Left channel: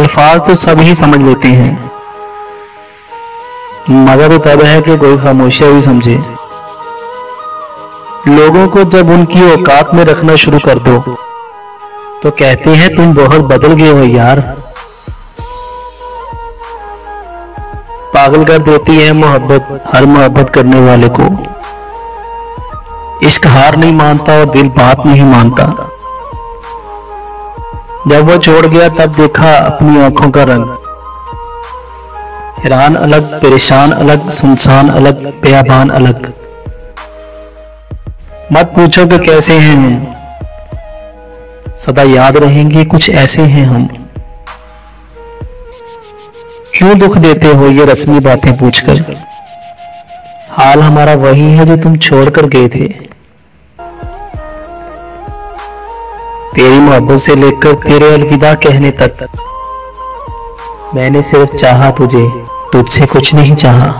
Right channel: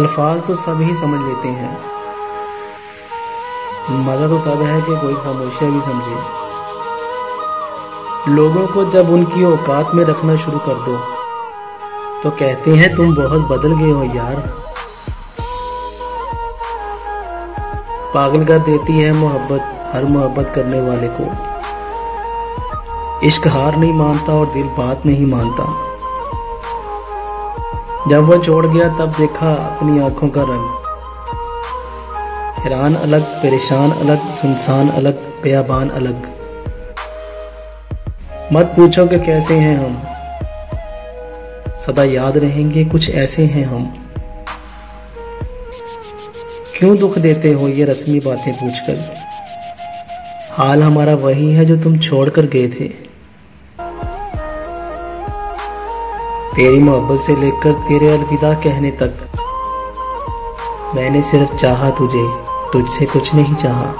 अल्फाज तो सब ही समझ लेते हैं, मजा तो तब है कि कोई खामोशियां भी समझे। लोगों को जब उनकी औकात में रखना शुरू कर दो तो कहते हैं तुम बहुत बदल गए हो यार। पागल कर देती है मोहब्बत हर मोहब्बत करने वाले को। इश्क हार नहीं मानता और दिल बात नहीं मानता। जब वो छोड़ गया तब देखा अपनी आंखों का रंग। हैरान अलग, परेशान अलग, सुनसान अलग, बेआबान अलग। मत पूछो कि कैसे हैं हम, सदा याद रहेंगे कुछ ऐसे हैं हम। क्यों दुख देते हो ये रस्मी बातें पूछकर, हाल हमारा वही है जो तुम छोड़कर गए थे। तेरी मोहब्बत से लेकर तेरे अलविदा कहने तक मैंने सिर्फ चाहा तुझे, तुझसे कुछ नहीं चाहा।